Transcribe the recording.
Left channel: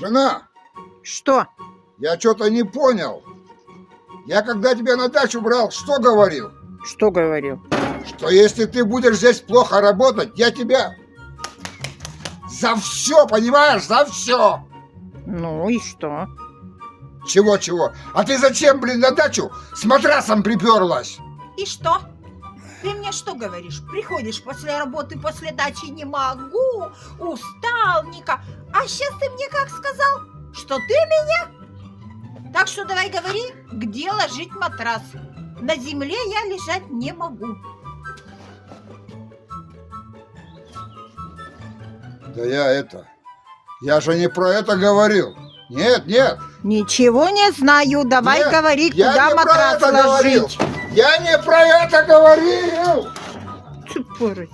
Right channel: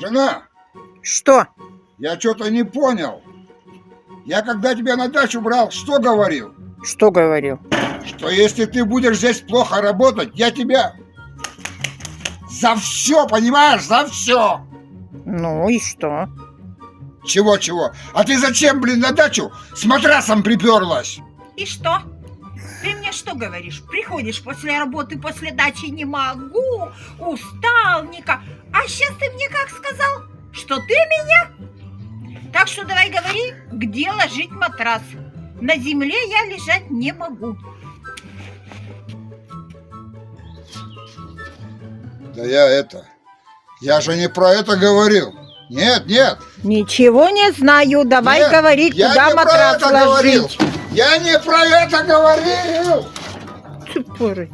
Жена, Что? я что-то не понял. Я когда тебя на дачу брал, что говорил? Что говорил? Что если ты будешь здесь плохо работать, я тебя за все, понимаешь, за все. Ну и что? Чего-чего? А ты зачем, блин, на дачу с матрасом приперлась? И что? Ты мне что говоришь? Приходишь после работы, после дачи, не могу, устал, никак. А сейчас ты мне как сказал? Что ты меня? Так что давай говори, где ложить матрас. На земле я лежать не могу. Да я же не про это говорил. Нет, нет. Ничего не знаю. Давай Нет, говори, я куда не про матрас это говорил. ложить. Я не про это говорил. Ты паразит.